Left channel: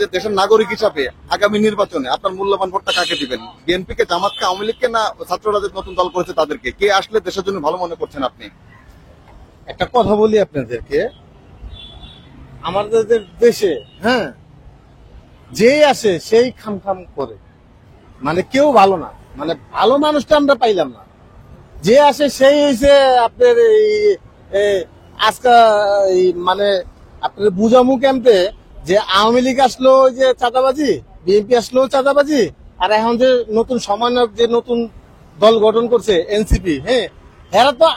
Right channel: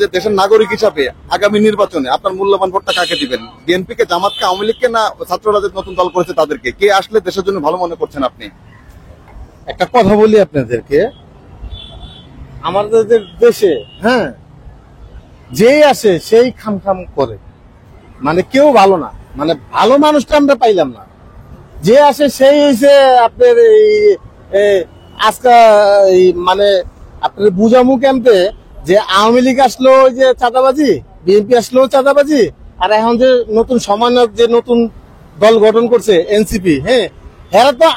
যে দেশের নাগরিক হিসাবে আগামী নির্বাচনে আপনার মূল্যবান ভোটটা কাকে দিবেন? বিএনপি কে, জামাতকে, আওয়ামী লীগকে, না ছাত্ররা যে নতুন দল করেছে তাদেরকে? কে আসলে দেশের জন্য ভালো মনে করছেন আপনি? একটা কথা বলি আপনাদেরকে, আমাদের দেশে যেই আসে সেই খাম করে, মানে কেউ ভালো না, মানে ভালো মানুষটা আমরা পাইলাম না। যে আসে সেই হয়েছে আপনার আজকে মানে আপনার বুঝামু ক্যাম্পে যে আওয়ামী লীগ আসলো ওই যে চাঁদাবাজি, বিএনপি আসলো চাঁদাবাজি, আর এখন যে নতুন সমন্বয়ক যে নতুন দল গঠন করছে এনসিপি, হ্যাঁ তো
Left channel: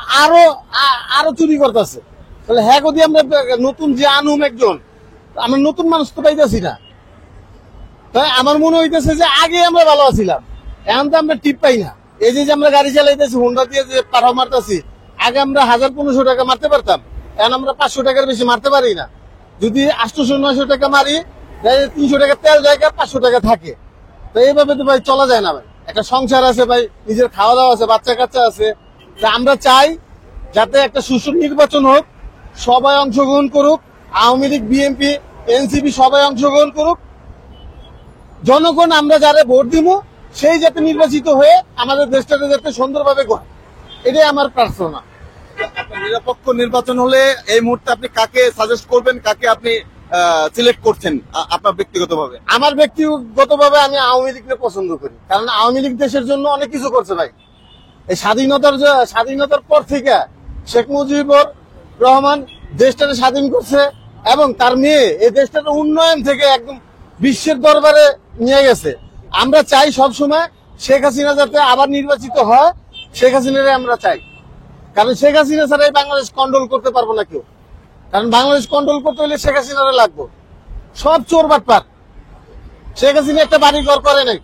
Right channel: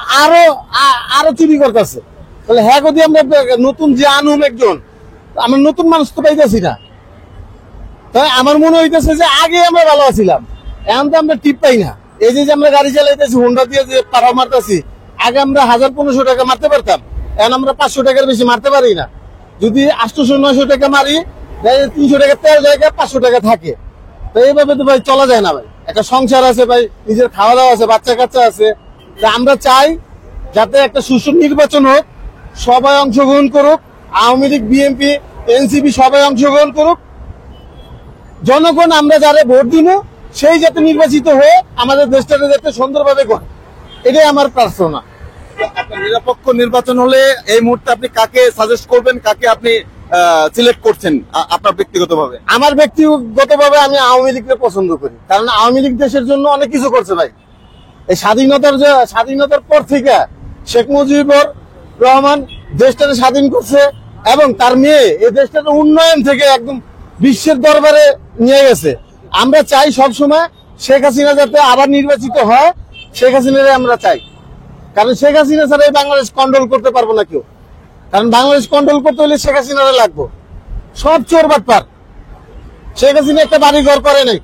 আরো চুরি করতেছে। তাহলে হ্যাঁ যদি আমরা নতুন যে আনুম একজন, আমরা নতুন মানুষ তো পাইতেছি না। তাই আমার মনে হইতেছে যে আগে আমরা ভালো আছিলাম, এখন তো আমরা টিপ পাই না। এই যে আমরা গাড়ি চালাইতেছি হোন্ডা দিয়ে যে পাড়াও মারতেছি, আগে আমরা 1000-1500 টাকা মারতে পারতাম, এখন আমরা 500 টাকার বেশি মারতে পারি না। যদি 800-900 টাকা মারি, 300 টাকা তেল জায়গা 500 টাকা থাকে। তো এইভাবে তো ভাই চলা যায় না ভাই। একটা সংসার আছে ভাই, নিজের খাওয়া দাওয়া আছে, বাচ্চা কাচ্চা আছে। আমরা চাই যাতে একটা সুষ্ঠু নির্বাচন হোক, সবাই অংশগ্রহণ করুক, আওয়ামী লীগ, বিএনপি, এনসিপি সবাই অংশগ্রহণ করুক। জনগণ আমরা যারা ভোট দিব সেই যাতে নির্বাচিত হয়ে আমাদের দেশটাকে যাতে সুন্দরভাবে গড়ে, এটাই আমার প্রার্থনা। আপনার নিরপেক্ষ নির্বাচন হলে এই মুহূর্তে আপনি কাকে সাজেস্ট করবেন, কাকে আপনি সিলেক্ট করছেন আপনার ব্যক্তিগতভাবে? আমার ব্যক্তিগতভাবে আমি আওয়ামী লীগকে পছন্দ করি, কারণ আওয়ামী লীগ দেশের জন্য অনেক কিছু করছে ভাই। এই স্বাধীনতার পর থেকে শেখ মুজিবুর রহমান দেশটাকে স্বাধীন করছে এবং তার মেয়ে এই দেশটাকে উন্নয়ন থেকে একদম বিশ্বের দরবারে নিয়ে গেছে। আমরা চাই সবসময় শেখ হাসিনা যাতে আবার নির্বাচিত হয়, শেখ হাসিনারে আমরা চাই। কারণ শেখ হাসিনা ছাড়া এই বাংলাদেশ কন্ট্রোল করতে পারবো না কেউ। কারণ বাংলাদেশ কন্ট্রোল করতে হলে শেখ হাসিনারে লাগবো। সব চোর বাটপার। শেখ হাসিনা একটা বাড়ি ঘর করে নাই,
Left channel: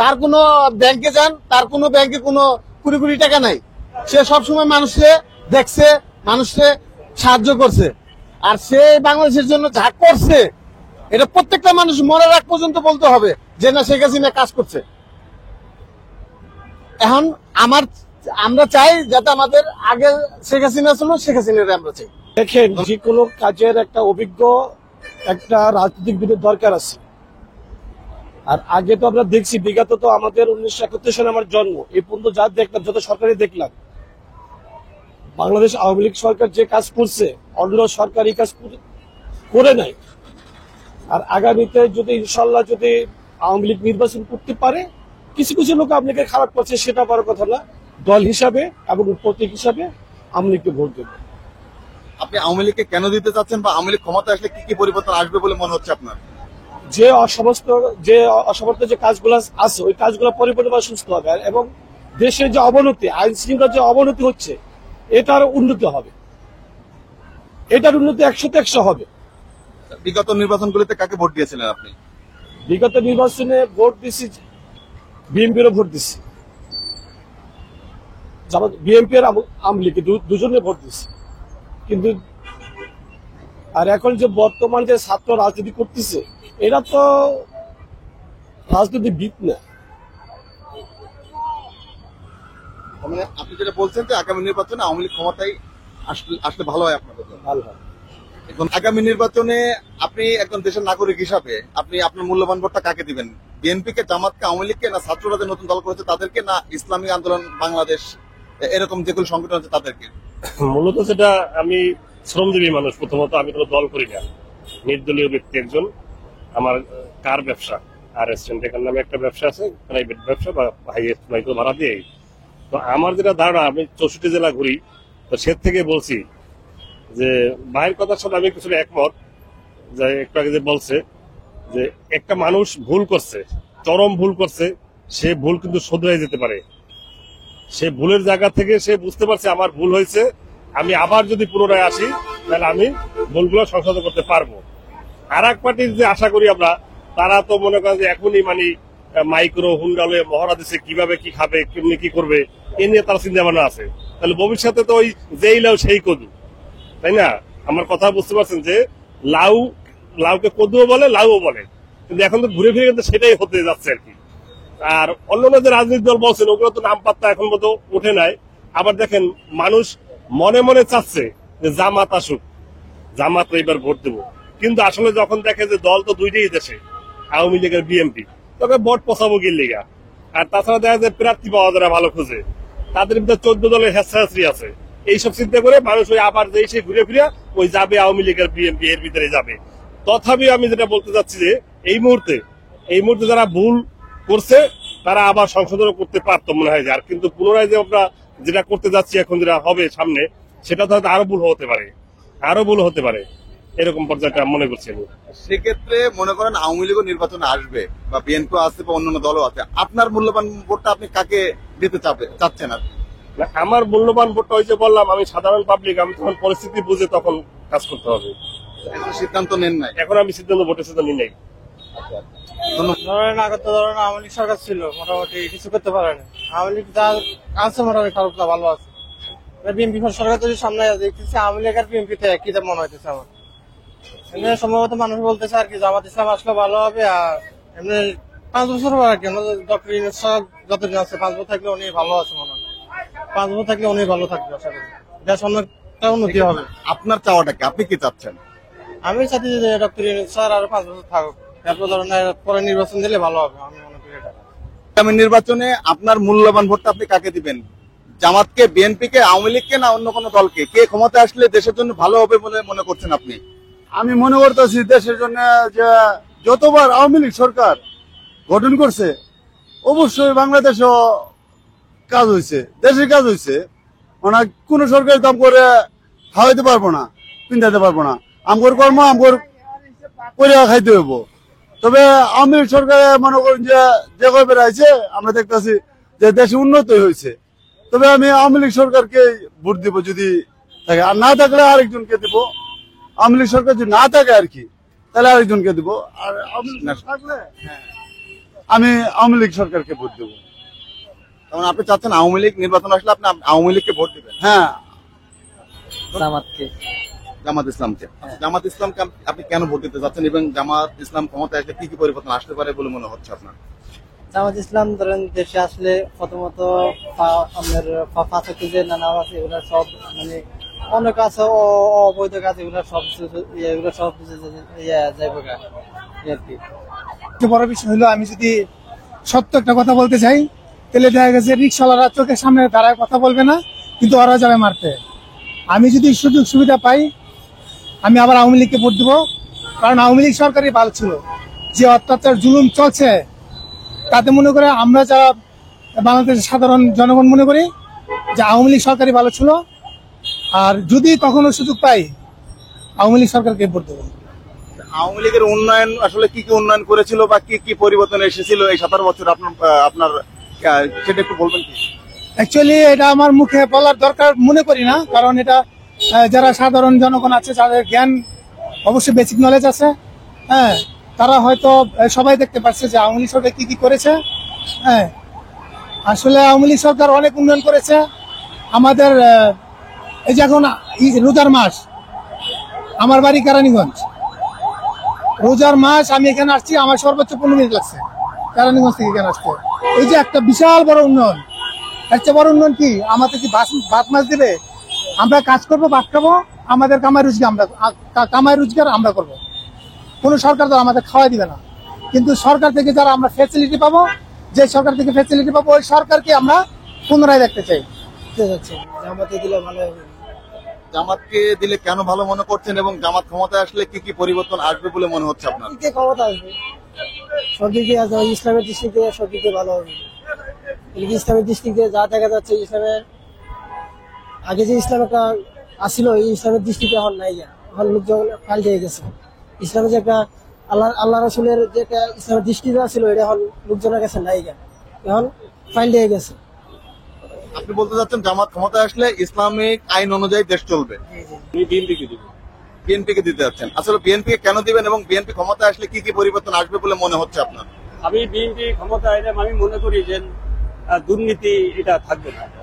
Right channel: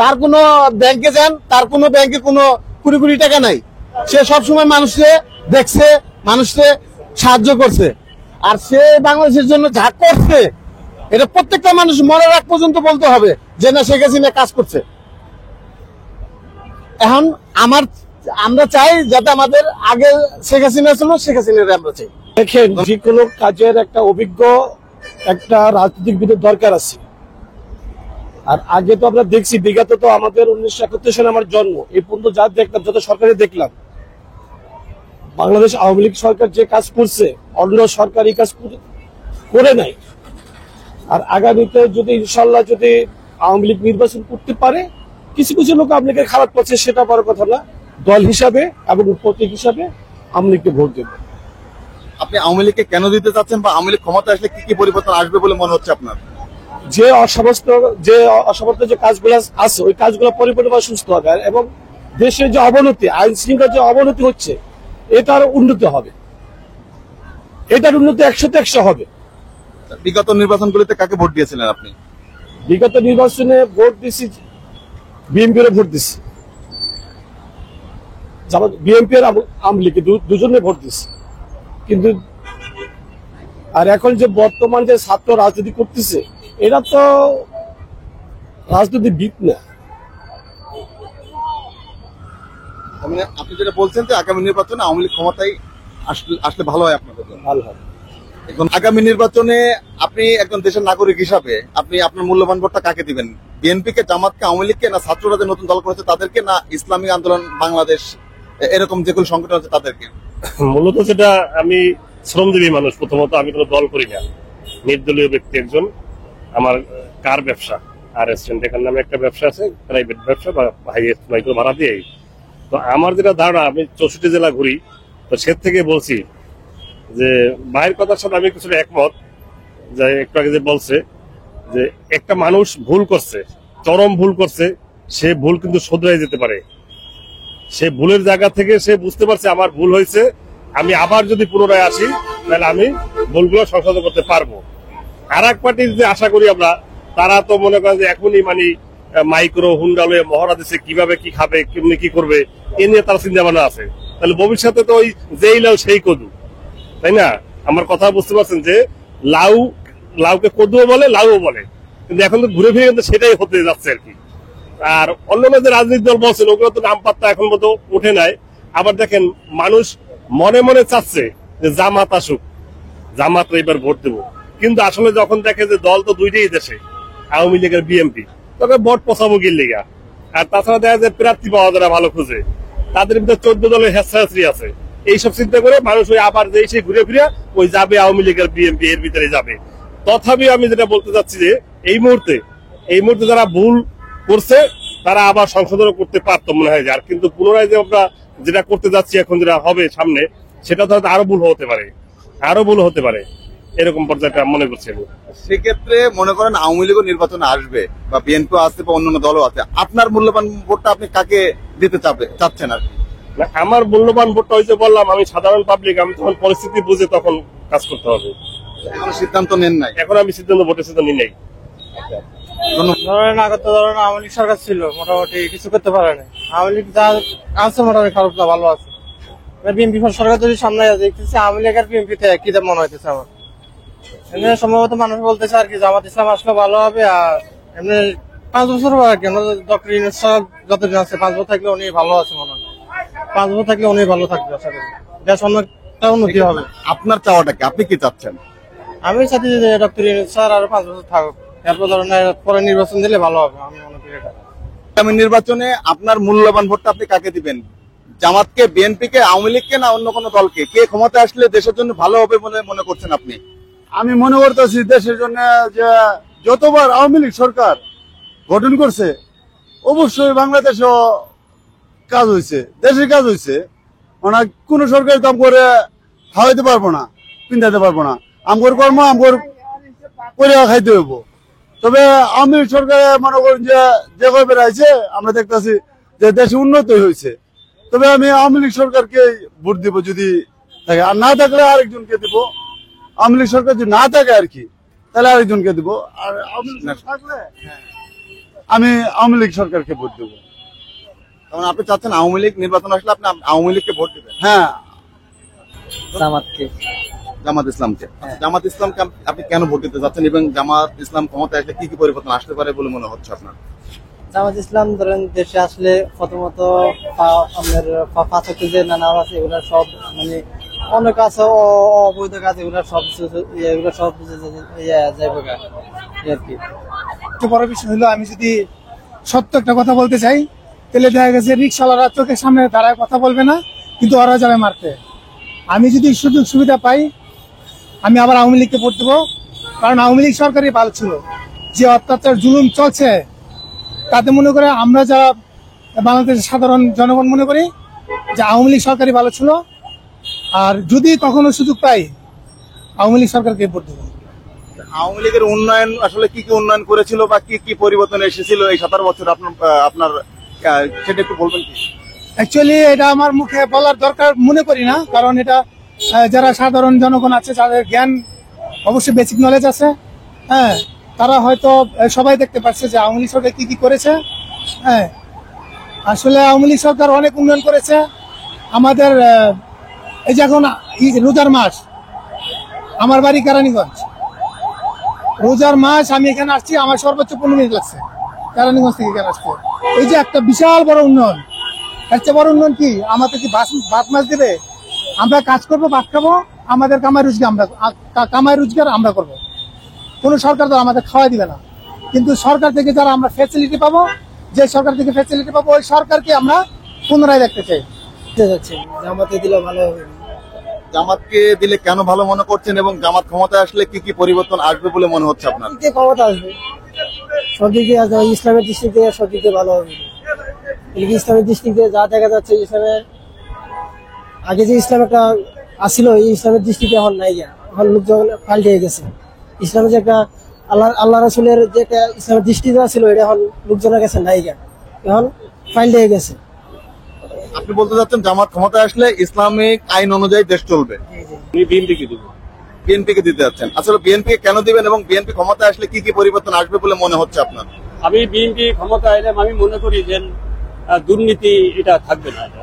তার কোনো ব্যাংকে যান, তার কোনো ব্যাংকে কোনো কোটি টাকা নাই। সে সবসময় মানুষকে দেখছে, মানুষকে সাহায্য করছে। আর সে বাংলাদেশের জন্য যা করছে এটা প্রত্যেকটা মানুষ মরার আগ পর্যন্ত বলতে হবে যে না, শেখ হাসিনা কাজ করছে। এখন আমরা চাই যাতে আমাদের আগে শেখ হাসিনা ছিল, শেখ হাসিনার আমরা চাই। দেখেন, যে কোনো কাজের একটা অভিজ্ঞ একটা রাজনীতিবিদের দরকার আছে। আর আগে তো আমরা দেখছি, বিগত তো আমাদের 1971 সালে আমার জন্ম, এই পর্যন্ত যা দেখলাম, যত সরকারে দেখলাম, বাংলাদেশ আওয়ামী লীগ সরকার যে কাজ করছে অন্য সরকার এই কাজ করে নাই। আর আগামীতে যদি ইনশাল্লাহ যদি আওয়ামী লীগ নির্বাচন করতে পারে, কিছু কিছু লোক আওয়ামী লীগের খারাপ করছে সেটা বড় কথা না, দল হিসাবে এবং প্রতীক হিসাবে আওয়ামী লীগকে ভোট দেবে। আপনি আওয়ামী লীগকে কেন দিতে চাচ্ছেন, বা আওয়ামী লীগ ক্ষমতা আসলে কি কি পরিবর্তন আসবে বলে মনে হচ্ছে আপনার? যে অসমর্থ যে কাজগুলো আছে ওই কাজগুলো পরিপূর্ণভাবে সুস্থ হবে, এবং দেশের যে অবনতি, আইন শৃঙ্খলার যে অবনতি হচ্ছে, এটার উন্নতি হবে, এটার উন্নতি 100-100 হবে। বিগত নির্বাচনগুলিতে কাকে ভোট দিয়েছিলেন আপনি? বিগত নির্বাচনে ভোট দিচ্ছি, বিএনপির ভোট দিচ্ছি, বিএনপি আর আওয়ামী লীগ দুজনে ভোট দিচ্ছি। কিন্তু আর এখন যে বর্তমান যে ছাত্র রাজনীতি করতেছে, এরা তো রাজনীতিবিদ না। মানে আপনি যেটা বলছেন যে আগামী নির্বাচনে আওয়ামী লীগ ক্ষমতায় আসলে ভালো হয় আপনাদের জন্য? ভালো হয়। এখন আগামী নির্বাচনে আপনি একজন দেশের নাগরিক হিসাবে আপনি আপনার মূল্যবান ভোটটা কাকে দিবেন? বিএনপি কে, জামাতকে, আওয়ামী লীগকে, না ছাত্ররা যে নতুন দল করেছে তাদেরকে, না ইসলামী আন্দোলন বাংলাদেশ এরকম যেগুলো সংগঠন আছে তাদেরকে? মূলত সেটা আমি শ্রমজীবী মানুষ, প্রথমত আমি কোনো দল করি না, নির্দলীয় ব্যক্তি একজন। আমার কার ব্যবসা, আর এখানে নামে একটা ব্যবসা আছে, প্রাইভেট ব্যবসা বা হাইয়েস্ট মাইক্রো ভাড়া দিয়ে। তো আমার যেটা ধারণা, আমি 64 জেলা ঘুরি, তো সে থেকে বলছি যে ভাইয়ের কথার সাথে আমি কিছুটা একমত। যে একটু আগে যে বলছে যে একটা মানুষ ভুল করছে, চরম ভুল করছে, সে ভুল কিন্তু শুধরাই যেতে পারে। সে ভুলের জায়গা থেকে সে বুঝতে পারছে আমার ভুল হয়েছে, আমি আবার যদি পুনরায় আসি তাহলে আমি ভুলগুলো সংশোধন করতে পারবো। আর এক পার্টির যে আশা করি আমরা, তারা তো মনে করেন যে এখনই মানে মাইক্রো হুন্ডা লয়ে মহড়া দিচ্ছে, কিভাবে কি খাবে, কেমনি কি করবে, এ নিয়ে তার চিন্তা ভাবনা আছে। তাহলে ভবিষ্যতে তো ওই যেই লাউ সেই কদু, তাই না? আমার কথা বুঝতে পারছেন যে লাউকে কদুও বলে, লাউও বলে, কিন্তু এখন তো ঘুরে ফিরে কিন্তু সেটাই হতে যাচ্ছে আর কি। আর অন্যান্য যে রাজনৈতিক দল বলছেন ওগুলো তো নাম পাত্তা এখন মতো উঠে নাই। আবার দেখেন, মানুষ মনে মনে চাচ্ছে যে জামাত আসুক, জামাত এবার ভোট দেবো, কিন্তু আসলে যখন দেখে যে দল তো দুইটাই দেশে, আওয়ামী লীগ আর বিএনপি, তবে ভোট পচাবো কি লেগা। আর তাছাড়া দেখা যায় প্রার্থী পাওয়া যারা ভালো খুঁজে, তাদের মধ্যে 14 দলের হেসাহাসি আছে। এইসব চিন্তা করে মানুষ ওই আবার যে সে ঘুরে ফিরে ওই যাবে আওয়ামী লীগ আর বিএনপি এর ভিতরে যাবে। তথাপি আমি যেটা বলতে চাচ্ছি যে এই মুহূর্তে যারা ভুল করছে তারা আবার সংশোধন করতে পারতো মনে হয়। আর কিন্তু পুনরায় যে আমরা যেটা করতে যাচ্ছি এখন, যেটা হবে সামনে, সেটা তো হয়তো আরো ভুল হতে পারে, এরকম পর্যায়ে মনে করছি আমি। সেক্ষেত্রে মনে করেন আওয়ামী লীগও নির্বাচনে আসবে বা বিএনপি আসছে বা অন্যান্য দলও আছে, আপনার মূল্যবান ভোটটা আপনি কাকে দিতে চাচ্ছেন? আর না, আমার মূল্যবান ভোটটা হয়েছে বললাম, আমি সাধারণ পাবলিক, আমি তখন পরিস্থিতি বুঝে তখন কাজ করতে হবে। এখন সিদ্ধান্ত নেন নাই? এখন আমি ভোটের সিদ্ধান্ত নিই নাই। ধরেন আগে তো ধরেন আওয়ামী লীগ সরকার ছিল, মোটামুটি কিছু করতে পারে না। আওয়ামী লীগ যা আছে মোটামুটি খারাপ না, ভালো আছে। বিএনপি সরকার যদি সামনে দেখতেছে, আওয়ামী লীগ আর বিএনপি তে একই মনে হইতেছে আমার। এমনি সম্ভবত মানুষ বলতেছে আর কি জামাত ইসলাম আসলে ভালো হবে। আর এমনি 5 বছর আর কি ডক্টর ইউনূস সাহেব যতদিন আছে, 5 বছর থাকলে উনি ভালো আছে মনে হয়। 5 বছর থাকলে উনি ভালো থাকবে, আশা করি দেশ অনেকটা উন্নতি হবে। আপনার চাওয়াটা কি, আপনি কি চাচ্ছেন? আমি চাচ্ছি যে ডক্টর ইউনূস স্যার আরো 5 বছর থাকুক, এরপর ধরনের পরে নির্বাচন দিলে ভালো হবে, আমি মনে করি এটা। আগামী নির্বাচনে আপনার মূল্যবান ভোটটা আপনি কাকে দিবেন? জামাতকে, বিএনপিকে, আওয়ামী লীগকে, না অন্য কোনো দলকে? কে ক্ষমতা আসলে দেশের জন্য ভালো হবে বলে মনে করছেন আপনি? আমি মনে করতেছি দেশের জন্য যে যতবার আওয়ামী লীগ সরকার গঠন করছে, অবশ্যই বাংলাদেশও কাজ হয়েছে, দেশের কাজ হয়েছে। মানে কোন সরকারি কাম করে খাওয়াইতে পারবো না, পিন্ধাইতে পারবো না। আমগর কর্ম আমগর করে খাইতে হইব। তবে আওয়ামী লীগ সরকারে মনে করেন যে কয় বেড়াইছে, আমরা দেখতেছি যে দেশে উন্নতি হয়েছে। তবে আমি আওয়ামী লীগ সরকারকে ভোট দিব যদি থাকে, আর না থাকলে আরেকজনকে দিব। আওয়ামী লীগ সরকার যদি না থাকে আর কি, তাহলে আরেকজনকে দিব। আর আওয়ামী লীগ থাকলে আমি আওয়ামী লীগ সরকারকে ভোট দেবো। কারণ আপনি চাচ্ছেন আওয়ামী লীগ নির্বাচন আসলে আপনি আওয়ামী লীগকে ভোট দিবেন? হ্যাঁ, জামাত ইসলামকে। জামাত ইসলামকে আপনি কেন ভোট দিতে চাচ্ছেন এবং জামাত ইসলাম ক্ষমতায় আসলে কি কি পরিবর্তন আসতে পারে বলে মনে হচ্ছে আপনার? জামাত ইসলাম ধরেন দেশে আসলে প্রথমত আমাদের পাঁচাত্তর যে নানা আছে এগুলো সব মানে অনেক আছে, অবৈধ কাজ এগুলো সব যাইবে আর কি। বড় বিষয় হলো, আমি যদি সত্য একটা কথা বলতে চাই, তাহলে দেখা গেছে রিক্সাওয়ালারা চোখের সামনে দাঁড়ায় কথা বলবে না, কিন্তু ওরা যাবে মারতে। আমি যদি সুযোগ সুবিধা পাই, আমি আবার আওয়ামী লীগকে ভোট দেবো। কারণ আওয়ামী লীগ সরকারই ভালো ছিল। যে অত্যাচার জুলুম চলছে, তাতে মনে করে আমরা যারা বাংলাদেশের সাধারণ জনগণ মনে করি যে আওয়ামী লীগ সরকারই ভালো ছিল। আর যদি কখনো সুযোগ পাই, আওয়ামী লীগ সরকারকে ভোট দেবো। আওয়ামী লীগের উন্নয়ন আসলে কি কি উন্নয়ন করেছিল বা কি কি পরিবর্তন এসেছিল এই 17 বছর আপনার সেটা একটু বলবেন কি? অ্যাকচুয়ালি এটা আমার মুখে বলার দরকার মনে করি না, কারণ এটা যারা সাধারণ জনগণ আছে, যাদের জ্ঞান অবশ্যই বেসিক নলেজ আছে, হ্যাঁ, তারা হয়তো সবাই দেখতে পাচ্ছে যে আওয়ামী লীগ সরকার কি কি করেছে। হ্যাঁ, আসলে আওয়ামী লীগ সরকার অনেক উন্নয়ন করেছে। আমাদের এই যে এখন রোজার মাস, আমার বাড়ি কেরানীগঞ্জ, রোজার মাস আমি এখানে আসছি, আমার সর্বোচ্চ 15 মিনিট লাগছে কেরানীগঞ্জ থেকে এখানে আসতে। এই যে একটা বিশাল বড় উন্নয়ন। একটা বড় উন্নয়ন কি, আমাদের কি ভাত মাছ দেবে? আমরা কাজ করবো, ভাত খাবো, আমাদের কামাই রোজগার আমরা করবো। কোন সরকার তো আমাদের খাওয়াই দিবে না। কিন্তু সরকার থেকে যারা আমরা ফ্যাসিলিটি পাবো, যে সরকার থেকে ফ্যাসিলিটি পাবো, ওই সরকারকে আমরা পুনরায় দেখতে চাই। জামাতে দিলে ভালো হবে। জামাতকে দিলে কেন ভালো মনে করছেন এবং জামাত ক্ষমতায় আসলে কি কি পরিবর্তন আসবে বলে মনে হচ্ছে আপনার? ক্ষমতা আসবে সবদিকে, ইসলামের দৃষ্টিতে সবদিকে ভালো হবে। ইসলামের দৃষ্টিতে যা দেখা যাচ্ছে, ইসলামের আগে যে ইসলাম একটা আসছিল, এই ইসলামের দৃষ্টিতে এখন নাই, এখন লোকজন পাল্টে গেছে। ইসলামের যে একটা আল্লাহ রাসূলের যে একটা ইসলামের দৃষ্টি দেওয়া ছিল, এটা এখন লোকজনের কাছে নাই, এখন পাল্টে গেছে। আপনি বলতে চাচ্ছেন জামাত ক্ষমতায় আসলে ইসলামিক আইন অনুযায়ী দেশ চলবে? বিএনপিকে দিতে যাচ্ছেন। আসলে বিএনপি কেন দিবেন এবং বিএনপি ক্ষমতায় আসলে কি কি পরিবর্তন আসবে বলে মনে হচ্ছে আপনার? আমি বিএনপি ক্ষমতা এলে আমি মনে করি যে দুর্নীতি এটা থাকবে না। এটা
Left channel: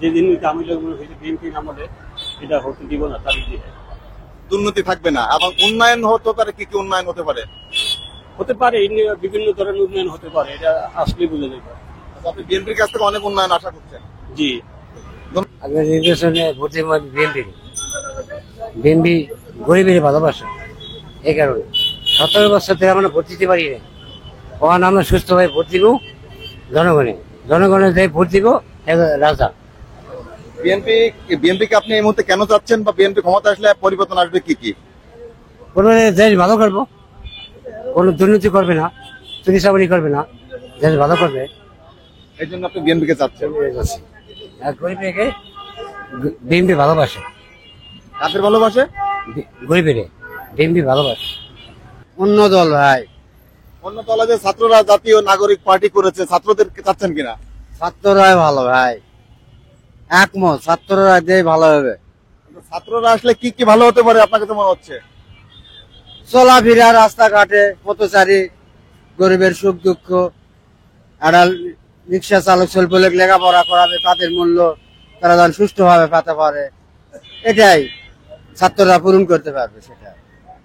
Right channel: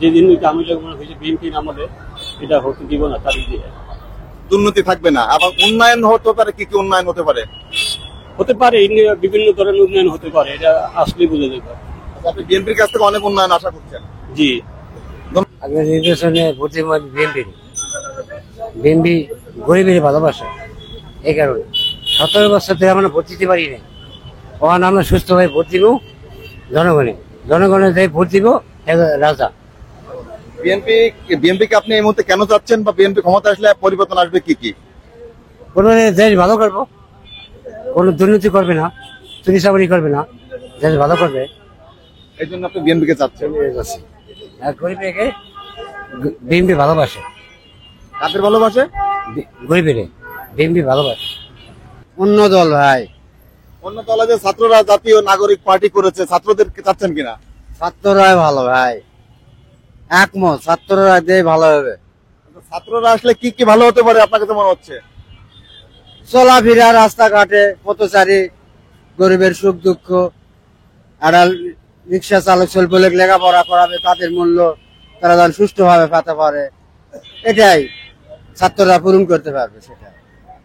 যে দুর্নীতি আমি যখন হয়েছে বিএনপির আমলে, এটা হতে দিব না। তাদের দিয়ে দুর্নীতি থাকবে না, আবার উন্নয়ন হতে পারে। কি কি উন্নয়ন হতে পারে? বিভিন্ন ধরনের উন্নয়ন হতে পারে, এটা আসলে বুঝে যাবে। আপনি বিএনপির কাছ থেকে অনেক উন্নয়ন আশা করছেন? জি, আগে নির্বাচনে ভোটের বিএনপি গরিবের ভালোবাসা, এই কারণে 17 বছর থেকে আমরা ভোট দিতে পারি না। ওখানে আমরা সুস্থভাবে ভোট দিব জনগণের যে ভোট দিব রাজা। বিএনপি কে আপনি এই মুহূর্তে কেন চাচ্ছেন, বা বিএনপি ক্ষমতা আসলে পরিবর্তন আসবে কি কি? কোনো দেশ ভালো করবো, কোনো দুর্নীতি করবে না, চুরি চাকরি করবে না, দেশ ভালো করবে, এই জন্য আপনি বিএনপি কে চাচ্ছেন। আর গরিবকে বিএনপি ভালোবাসে। কাদের ভালোবাসে? গরিবের বিএনপি ভালোবাসে। অন্য দল ভাই, অন্য দল যে ছাত্ররা জাতীয় নাগরিক পার্টি করেছে, ছাত্রদেরকে চাচ্ছেন কিনা? ছাত্ররাই ভালো ভাই, একমত, ছাত্ররা যে ভালো হবে। ছাত্ররা আসলে কি কি ভালো হতে পারে আপনাকে তো মনে হচ্ছে? চলাফেরা, রাস্তাঘাটে পথচারী, গরিবের সুখ দুঃখ, আর রিক্সা চালক স্বল্প লোক লেখাপড়া করাবে, তাদের মূল্য তারা যেন সুস্থভাবে পেতে পারে, এটাই ছাত্ররা পূরণ করতে পারবে। সেটা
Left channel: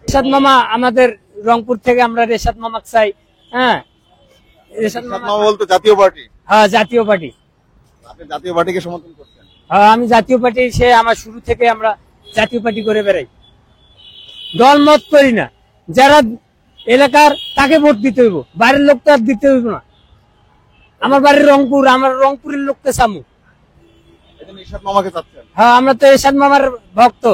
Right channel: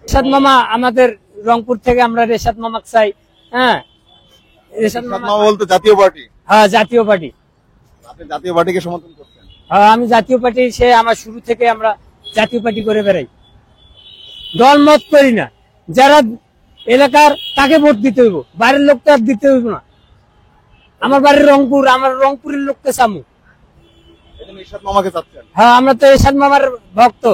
রেশাদ মামা, আমাদের রংপুর থেকে আমরা রেশাদ মামা চাই। হ্যাঁ, রেশাদ মামা বলতে জাতীয় পার্টি? হ্যাঁ, জাতীয় পার্টি। আপনি জাতীয় পার্টিকে সমর্থন করছেন? হ্যাঁ, আমি জাতীয় পার্টি, সে আমার শুরু থেকে আমরা জাতীয় পার্টি করে বেড়াই, দল মত করি না। যারা এলাকার তাকে ভোট দিতে হইব, বাইরের লোককে আর দিতে হইব না। আমার বাড়ির রংপুর, আমার রংপুরের লোককে চামু। এরশাদ মামাকে চাচ্ছেন? হ্যাঁ, আমরা তো এরশাদ মামার ভক্ত।